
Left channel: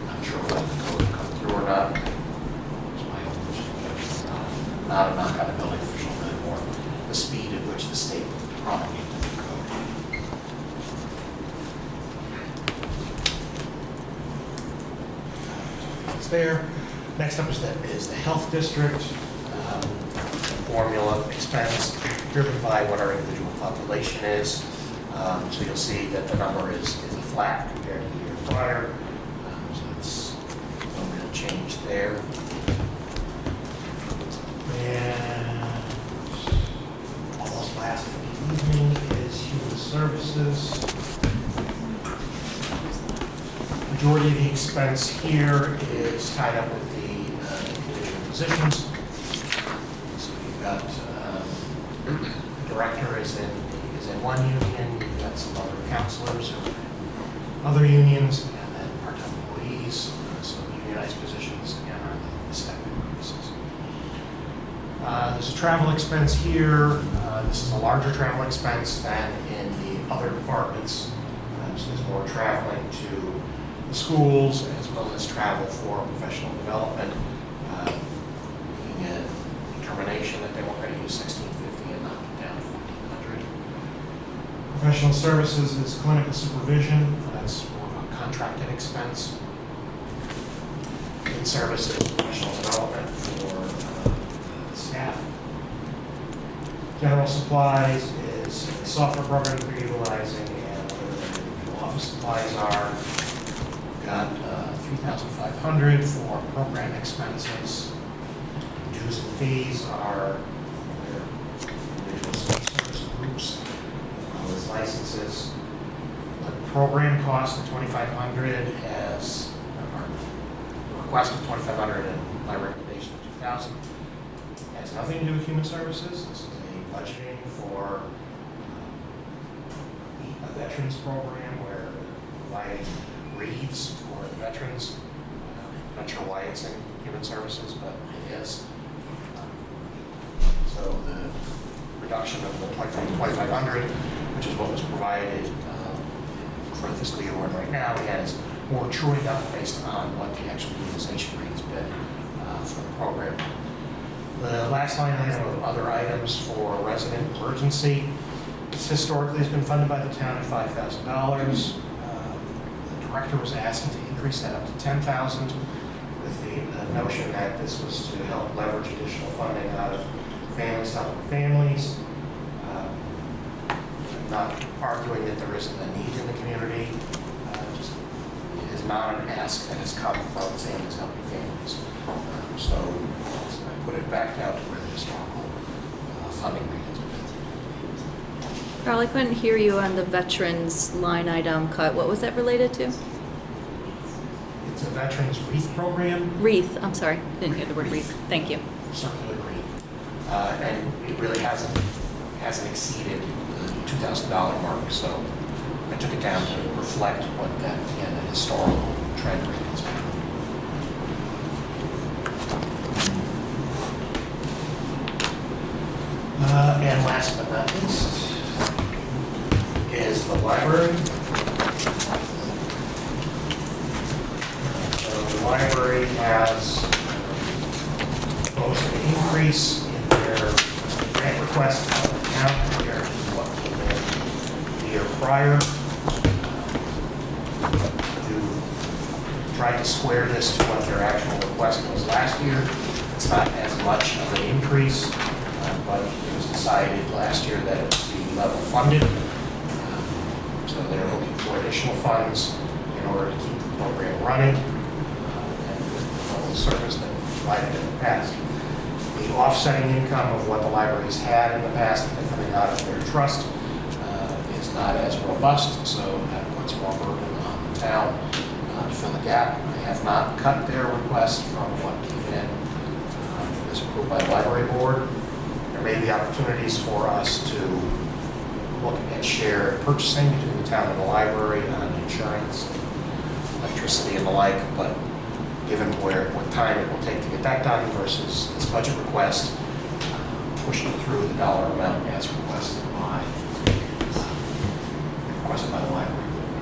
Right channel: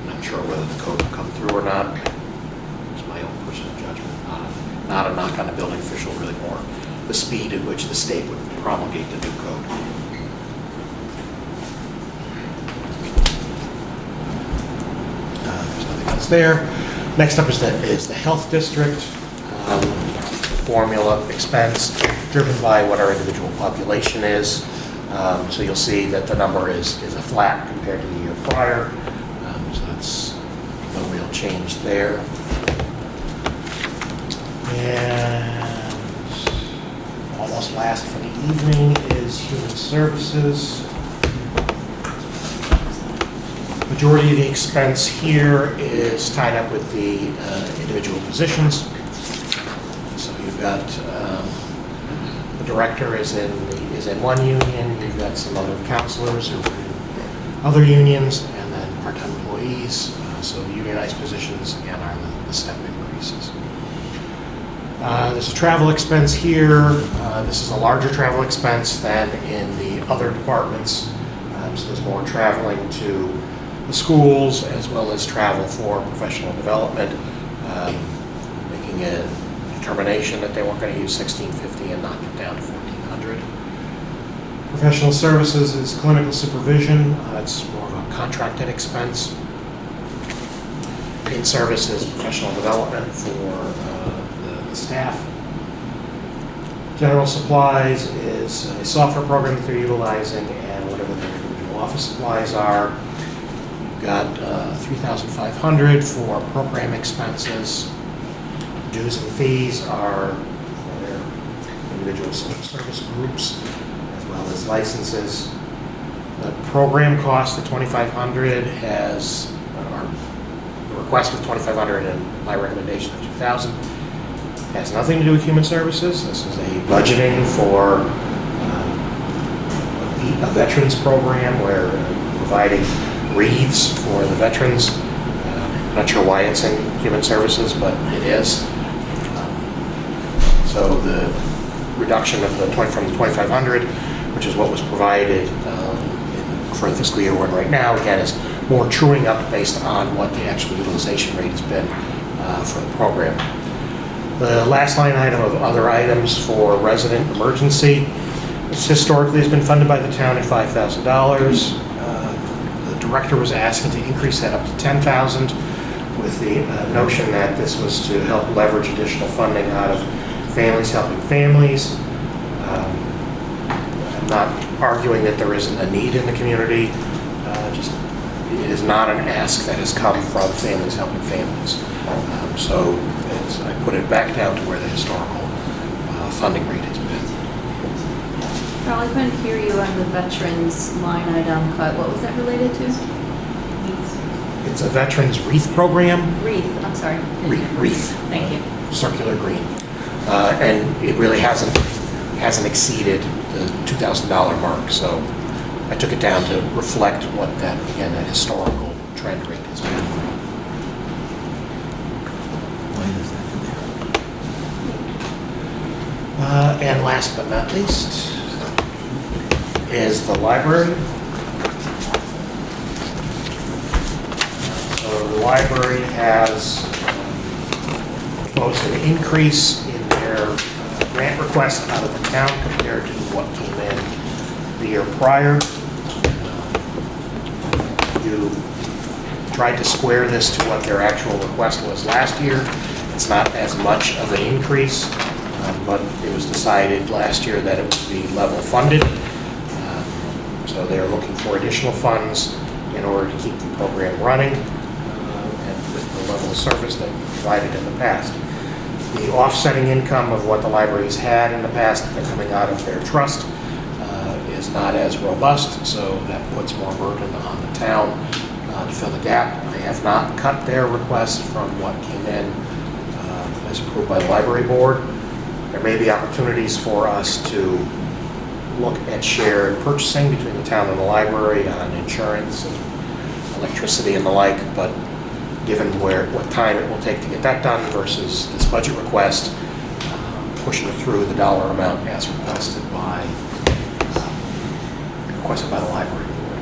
I'm not sure whether the code will come through or not. It's my own personal judgment. Not a knock on the building official, really more the speed at which the state would promulgate the new code. There's nothing else there. Next up is the health district. Formula expense driven by what our individual population is. So you'll see that the number is a flat compared to the year prior. So that's no real change there. And almost last for the evening is human services. Majority of the expense here is tied up with the individual positions. So you've got the director is in one union. You've got some other counselors who are in other unions, and then part-time employees. So unionized positions and are the step increases. There's a travel expense here. This is a larger travel expense than in the other departments. So there's more traveling to the schools as well as travel for professional development, making a determination that they weren't going to use $1,650 and knocked it down to $1,400. Professional services is clinical supervision. It's more of a contracted expense. In services, professional development for the staff. General supplies is the software programs they're utilizing and whatever the individual office supplies are. We've got 3,500 for program expenses. Dues and fees are their individual service groups as well as licenses. The program cost of 2,500 has, or the request of 2,500 and my recommendation of 2,000 has nothing to do with human services. This is a budgeting for a veterans program where we're providing wreaths for the veterans. Not sure why it's in human services, but it is. So the reduction of from the 2,500, which is what was provided for the fiscal year we're in right now, again, is more truing up based on what the actual utilization rate has been for the program. The last line item of other items for resident emergency, this historically has been funded by the town at $5,000. The director was asking to increase that up to $10,000 with the notion that this was to help leverage additional funding out of Families Helping Families. I'm not arguing that there isn't a need in the community, just it is not an ask that has come from Families Helping Families. So I put it back down to where the historical funding rate has been. Carl, I couldn't hear you on the veterans line item cut. What was that related to? It's a veterans wreath program, Wreath, I'm sorry. Wreath. Thank you. circular green, and it really hasn't exceeded the $2,000 mark. So I took it down to reflect what that, again, that historical trend rate has been. And last but not least is the library. So the library has proposed an increase in their grant request out of the town compared to what came in the year prior. You tried to square this to what their actual request was last year. It's not as much of an increase, but it was decided last year that it would be level funded. So they're looking for additional funds in order to keep the program running and with the level of service that provided in the past. The offsetting income of what the libraries had in the past coming out of their trust is not as robust, so that puts more burden on the town to fill the gap. They have not cut their request from what came in as approved by the library board. There may be opportunities for us to look at shared purchasing between the town and the library on insurance and electricity and the like, but given what time it will take to get that done versus this budget request, pushing through the dollar amount as requested by the library board.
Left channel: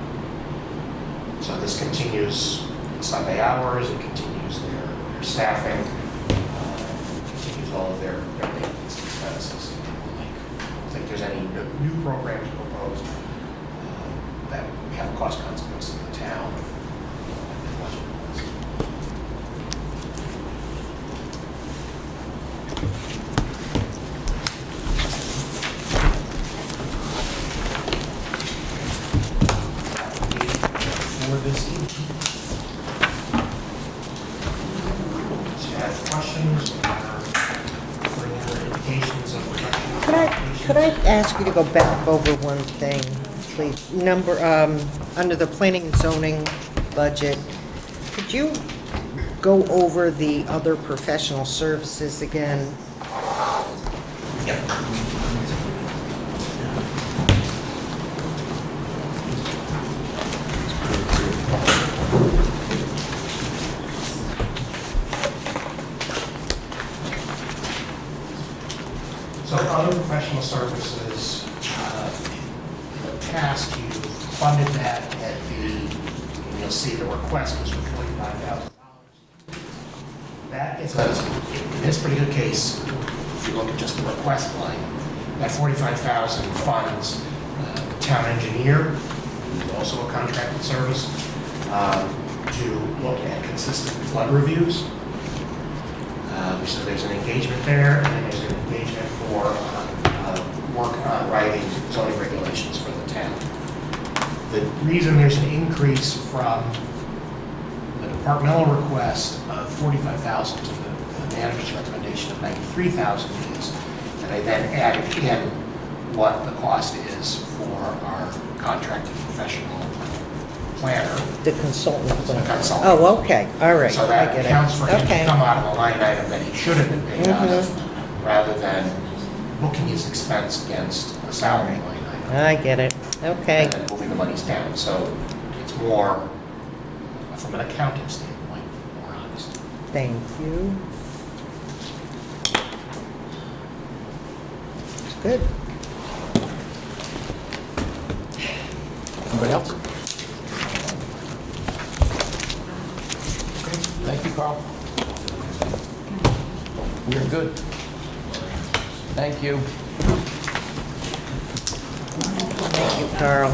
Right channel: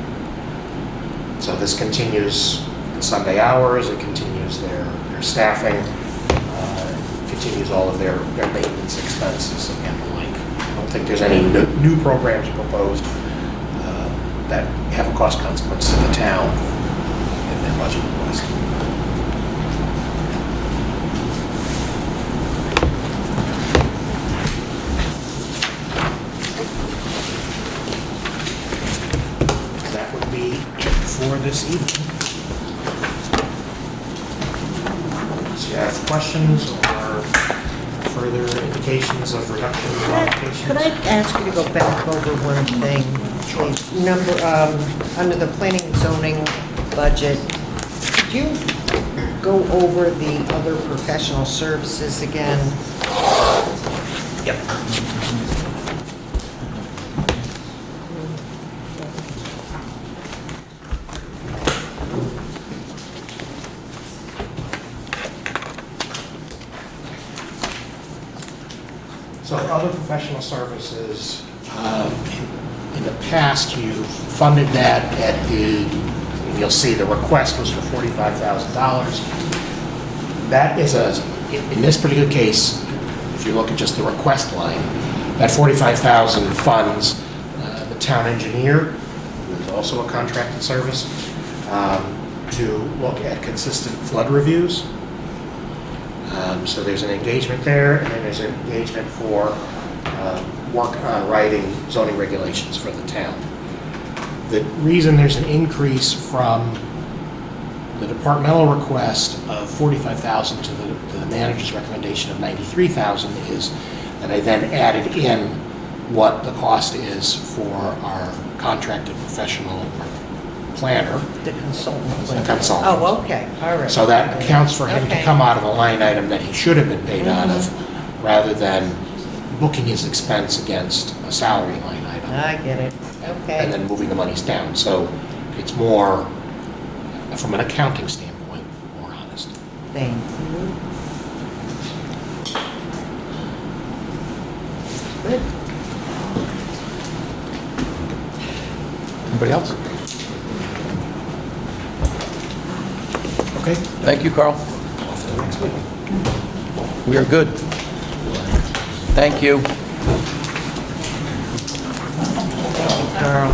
So this continues the Sunday hours, it continues their staffing, continues all of their maintenance expenses and the like. I don't think there's any new programs proposed that have a cost consequence to the town in their budget request. That would be it for this evening. So you have questions or further indications of reduction in modifications? Could I ask you to go back over one thing? The number, under the planning and zoning budget, could you go over the other professional services again? Yep. So other professional services, in the past, you funded that at you'll see the request was for $45,000. That is in this particular case, if you look at just the request line, that $45,000 funds the town engineer, who's also a contracted service, to look at consistent flood reviews. So there's an engagement there, and then there's an engagement for work on writing zoning regulations for the town. The reason there's an increase from departmental request of $45,000 to the manager's recommendation of $93,000 is that I then added in what the cost is for our contracted professional planner. The consultant. The consultant. Oh, okay, all right. So I that get it. accounts for him to Okay. come out of a line item that he should have been paid out of, rather than booking his expense against a salary line item, I get it, okay. and then moving the monies down. So it's more, from an accounting standpoint, more honest. Thank you. Good. Anybody else? Okay, thank you, Carl. We are good. Thank you. Carl.